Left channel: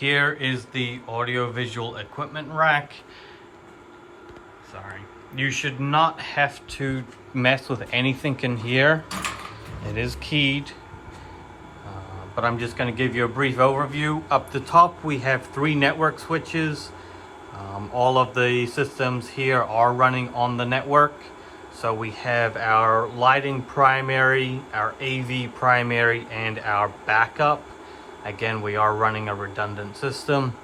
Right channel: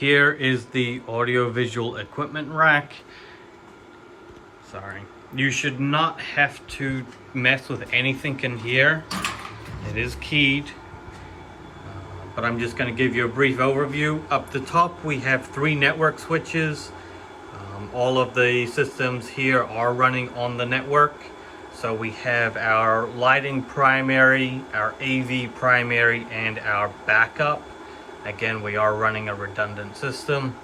Here is the audio-visual equipment rack. Sorry. You should not have to mess with anything in here. It is keyed. But I'm just going to give you a brief overview. Up the top we have 3 network switches. All of the systems here are running on the network. So we have our lighting primary, our AV primary, and our backup. Again, we are running a redundant system.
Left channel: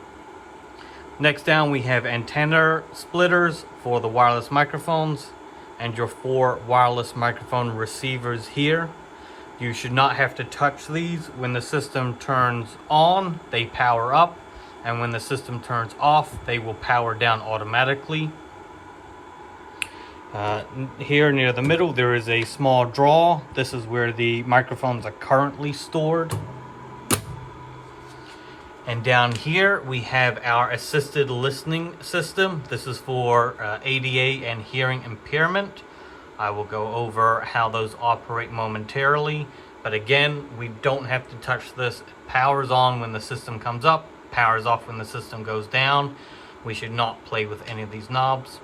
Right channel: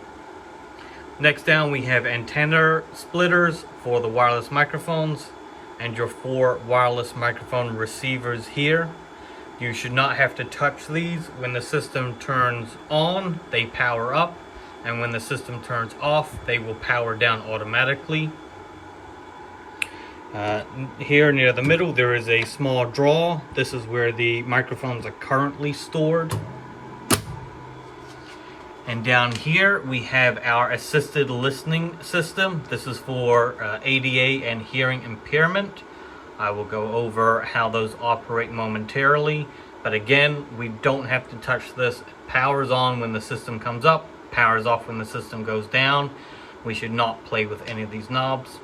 Next down we have antenna splitters for the wireless microphones and your 4 wireless microphone receivers here. You should not have to touch these. When the system turns on, they power up, and when the system turns off, they will power down automatically. Here near the middle there is a small drawer. This is where the microphones are currently stored. And down here we have our assisted listening system. This is for ADA and hearing impairment. I will go over how those operate momentarily. But again, we don't have to touch this. It powers on when the system comes up, powers off when the system goes down. We should not play with any of these knobs.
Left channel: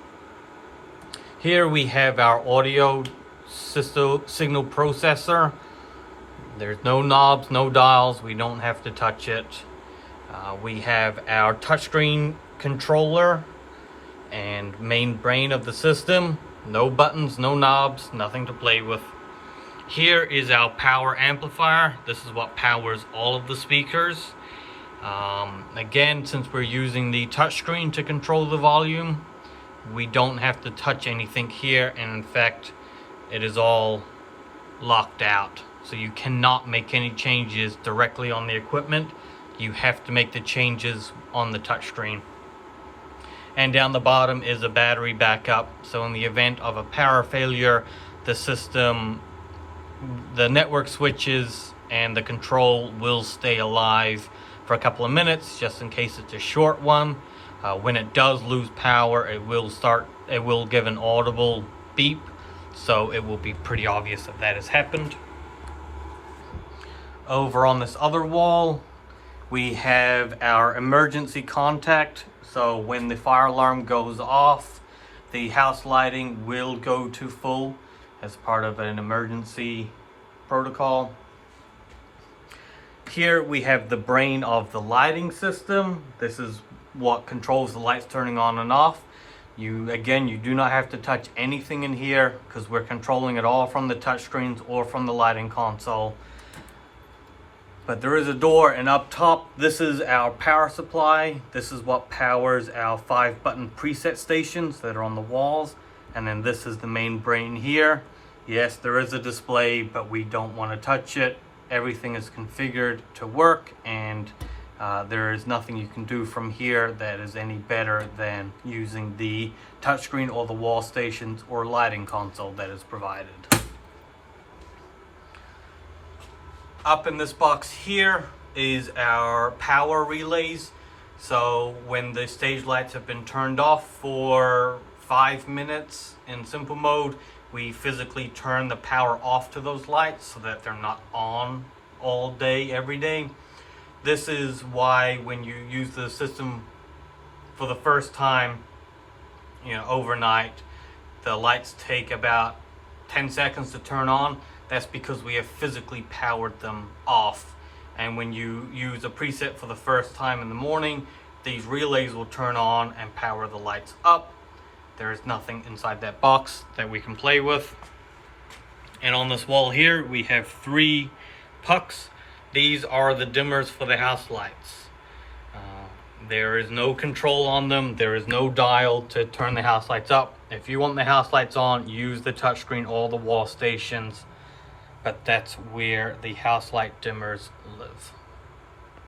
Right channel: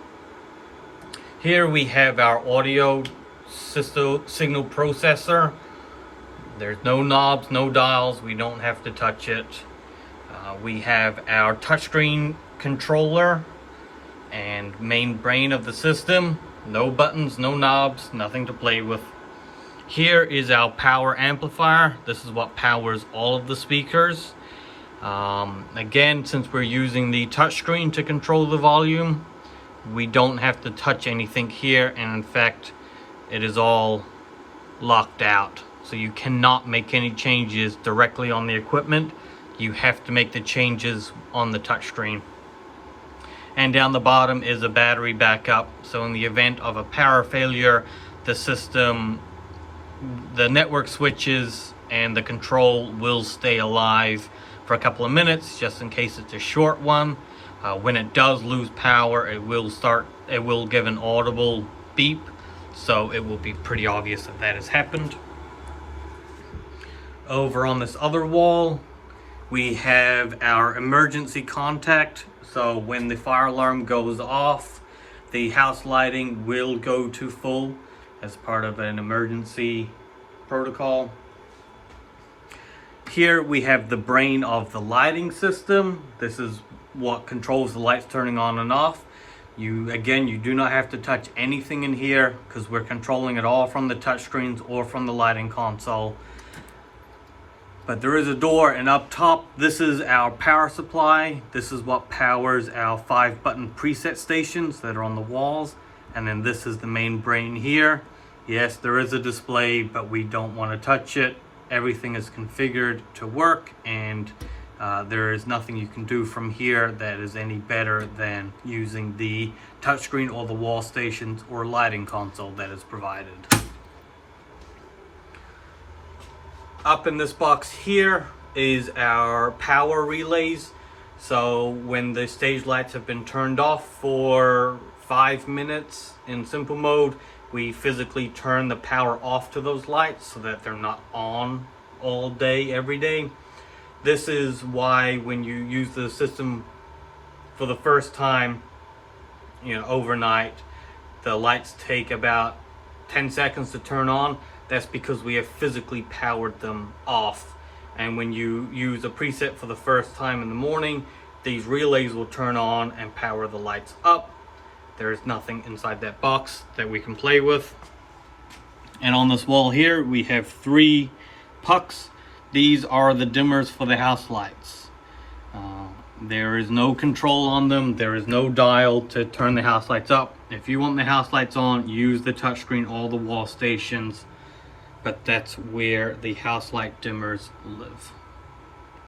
Here we have our audio signal processor. There's no knobs, no dials. We don't have to touch it. We have our touchscreen controller and main brain of the system. No buttons, no knobs, nothing to play with. Here is our power amplifier. This is what powers all of the speakers. Again, since we're using the touchscreen to control the volume, we don't have to touch anything here, and in fact it is all locked out, so you cannot make any changes directly on the equipment. You have to make the changes on the touchscreen. And down the bottom is a battery backup, so in the event of a power failure, the system, the network switches and the control will stay alive for a couple of minutes, just in case it's a short one. When it does lose power, it will give an audible beep, so it will be pretty obvious that that has happened. Over on this other wall we have our emergency contact. So when the fire alarm goes off, the house lighting will go to full as part of an emergency protocol. Here we have the brain of the lighting system. This is what controls the lights turning on and off. You do not have to touch anything in here because we're controlling it all from the touchscreens or from the lighting console. But there is a door, and up top, this is our power supply. This is what powers our 5-button preset stations that are on the walls. And then this is the main brain here. Yes, there is a display, but we don't want to touch it. Everything is configured to work, and there is nothing you can do from here that is any better than using the touchscreen or the wall stations or lighting console that is provided. Up in this box here is our power relays. So when the stage lights have been turned off for 5 minutes in simple mode, we physically turn the power off to those lights so that they're not on all day, every day. This is why when you use the system for the first time, overnight, the lights take about 10 seconds to turn on. That's because we have physically powered them off. And when you use a preset for the first time in the morning, these relays will turn on and power the lights up. There is nothing inside that box that we can play with. And on this wall here, we have 3 pucks. These are the dimmers for the house lights. There is no control on them. There is no dial to turn the house lights up. If you want the house lights on, use the touchscreen or the wall stations. But that's where the house light dimmers live.